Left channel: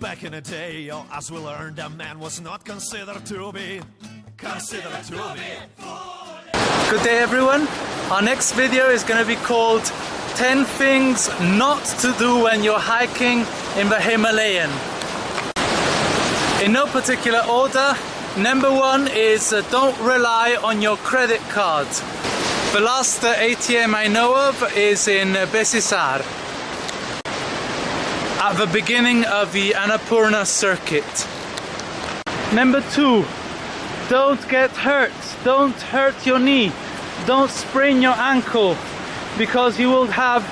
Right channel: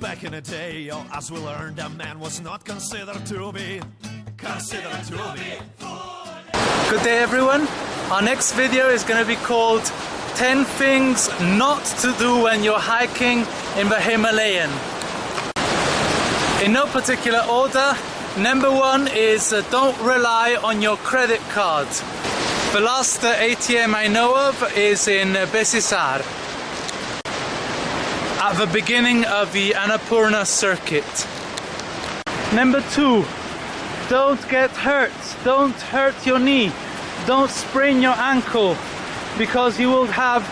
back in the day, as we learned, a man was not considered to be. Good day everyone. Our next video is going to be called 10 things not to do when you're hiking in the Himalayan. In no particular order, number one is don't rely on your credit card. The last ATM I know of is in Besisar, at the beginning of the Annapurna circuit. Number two, don't get hurt. Don't hurt your knee. Don't sprain your ankle, because you will have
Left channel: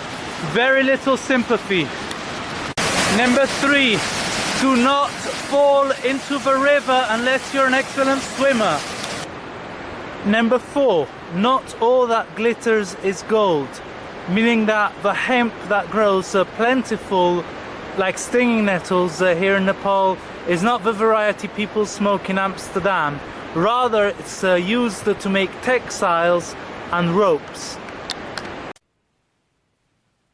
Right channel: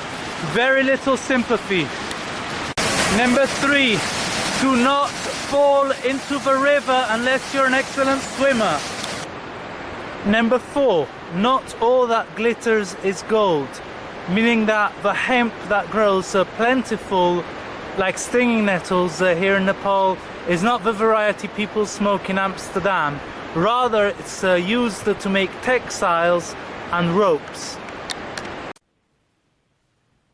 very little sympathy. Number three, do not fall into the river unless you're an excellent swimmer. Number four, not all that glitters is gold, meaning that the hemp that grows plentiful like stinging nettles here in Nepal is not the variety people smoke in Amsterdam. Rather, it's used to make textiles and ropes.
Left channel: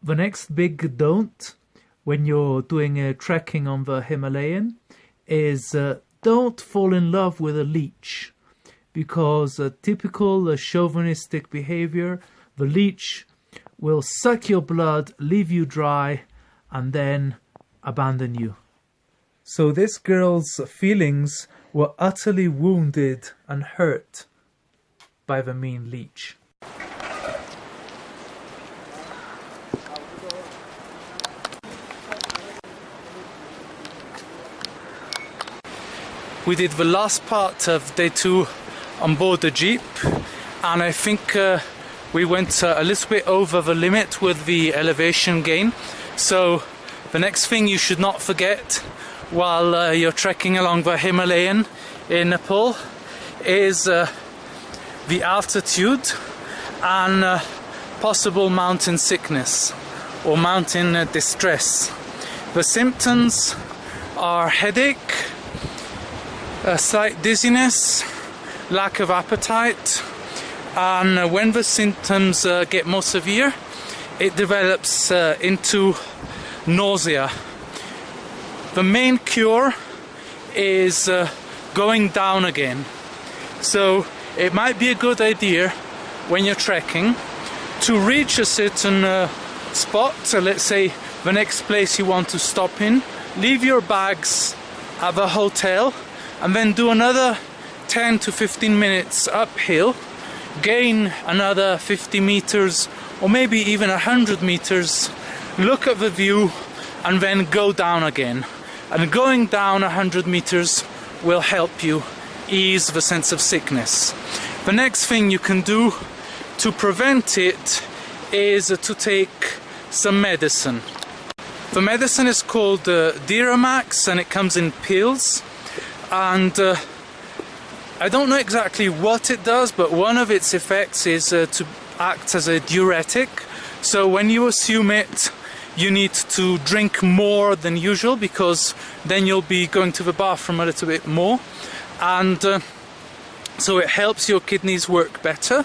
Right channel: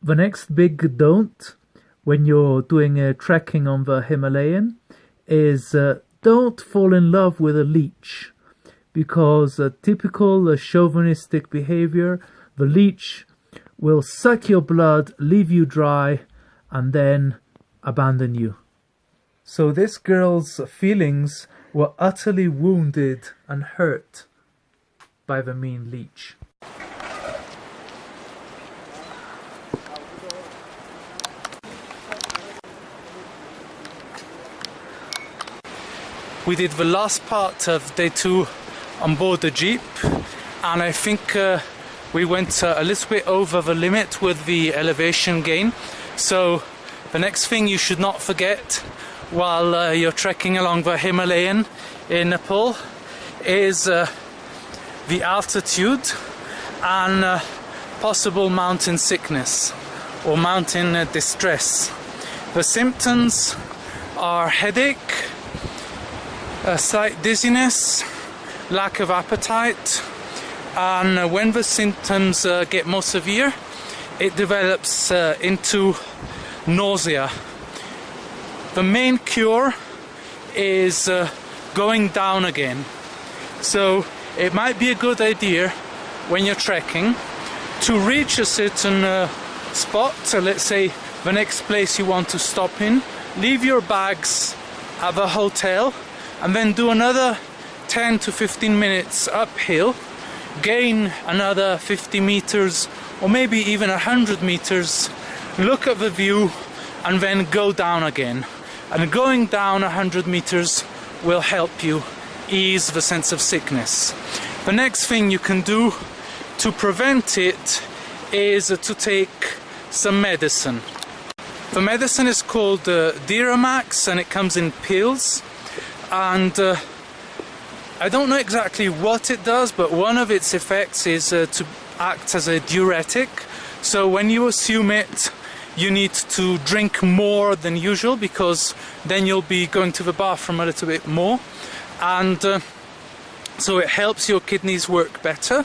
The next big don't when you're doing trekking on the Himalayan is don't fall in love with a leech, because typical chauvinistic behavior, the leech will suck your blood, leave you dry, and then abandon you. So this girl's feelings were utterly wounded and hurt by the mean leech. We did the last part of day 2 on board the jeep, and I think we went a little bit over the limit with the elevation gain. So the next thing you should not forget while you're trekking along the Himalayan in Nepal is the altitude and possible mountain sickness or mountain distress. The symptoms are headache, a slight dizziness, lack of appetite, and when the symptoms get more severe, it develops into nausea. The main cure is going down again. So it might be a good idea when you're trekking to reach a certain spot, so let's say the next place you want to stop in, leave your bags at the hotel and then do another 10 to 15 minutes uphill, gain another 50 meters or maybe even 100 meters, look at the view and then go down again. And going down 100 meters will help you ease the sense of sickness. The next thing you can do to prevent it is to take some medicine. The medicine is called Diramax and it comes in pills. And I don't know exactly what it does, but one of its effects is to act as a diuretic. So when you assume it, you need to drink more than usual, because then you'll be going to the bathroom a little bit more. And so it helps your kidneys work better.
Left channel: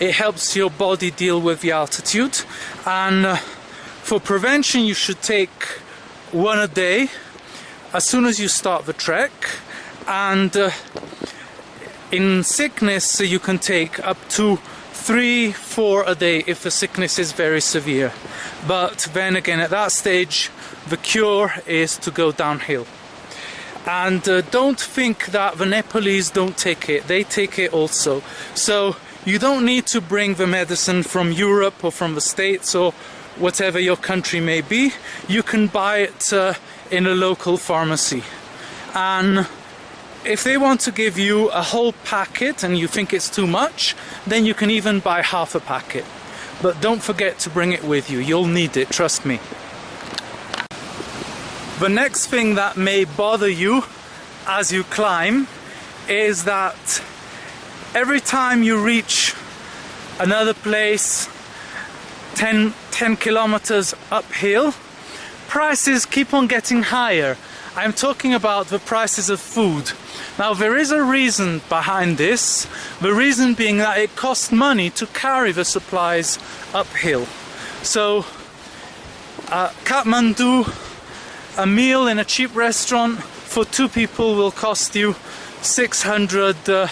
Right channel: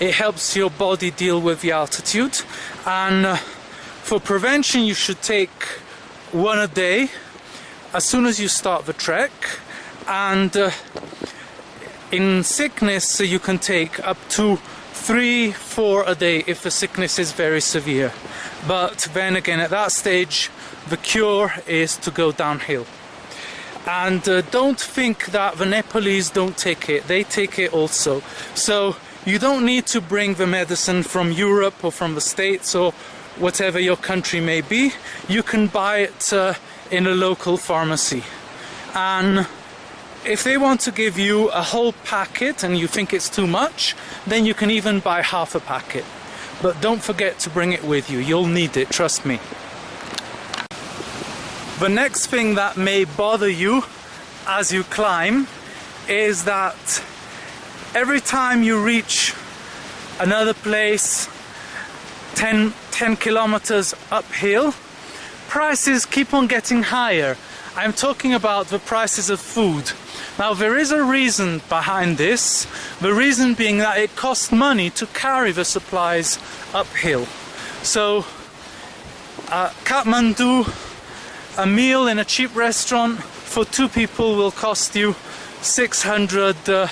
It helps your body deal with the altitude. And for prevention, you should take one a day as soon as you start the trek. And in sickness, you can take up to 3-4 a day if the sickness is very severe. But then again, at that stage, the cure is to go downhill. And don't think that the Nepalese don't take it. They take it also. So you don't need to bring the medicine from Europe or from the States or whatever your country may be. You can buy it in a local pharmacy. And if they want to give you a whole packet and you think it's too much, then you can even buy half a packet. But don't forget to bring it with you. You'll need it, trust me. The next thing that may bother you as you climb is that every time you reach another place 10 kilometers uphill, prices keep on getting higher. I'm talking about the prices of food. Now there is a reason behind this, the reason being that it costs money to carry the supplies uphill. So Kathmandu a meal in a cheap restaurant for 2 people will cost you 600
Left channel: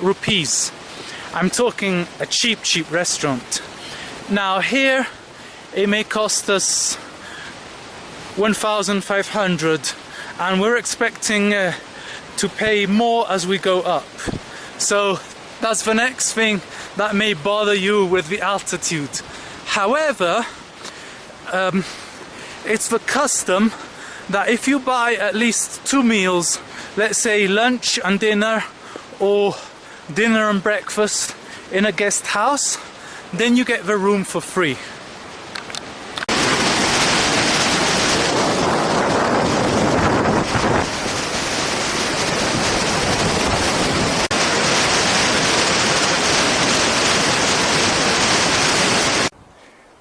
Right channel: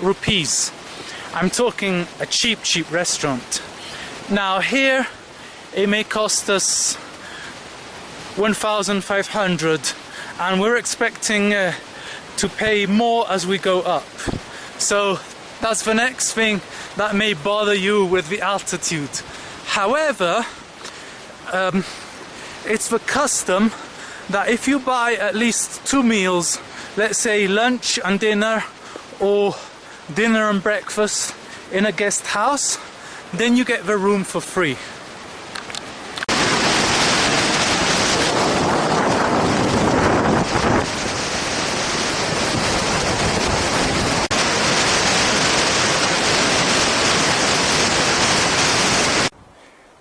rupees. I'm talking a cheap restaurant. Now here it may cost us 1,500, and we're expecting to pay more as we go up. So that's the next thing that may bother you with the altitude. However, it's the custom that if you buy at least 2 meals, let's say lunch and dinner, or dinner and breakfast in a guest house, then you get the room for free.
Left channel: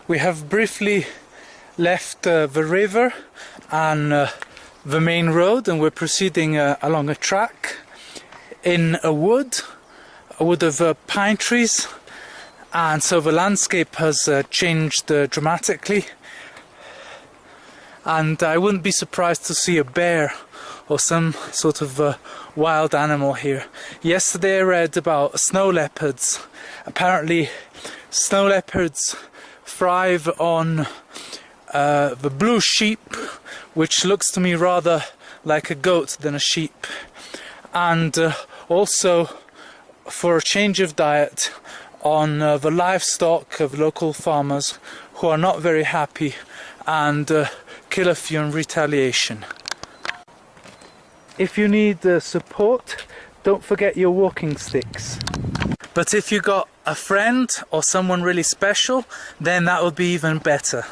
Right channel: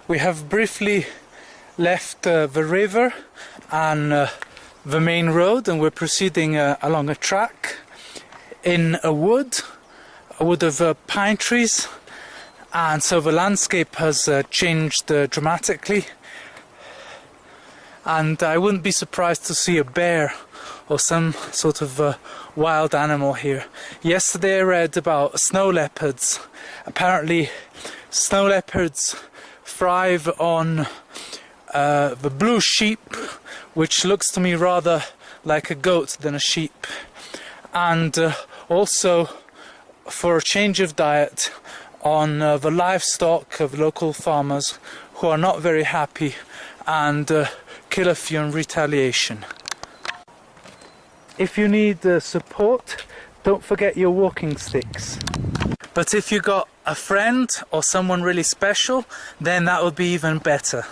We have briefly left the river and the main road, and we're proceeding along a track in a wood of pine trees, and so the landscape has changed dramatically, and I wouldn't be surprised to see a bear or some sort of wild animal here. Yesterday I read about snow leopards. Apparently snow leopards thrive on the blue sheep, which looks to me rather like a goat than a sheep, and also for a change of diet on the livestock of local farmers who are not very happy and kill a few in retaliation. If you need support, don't forget your walking sticks. But if you got a friend or someone really special, then that would be even better.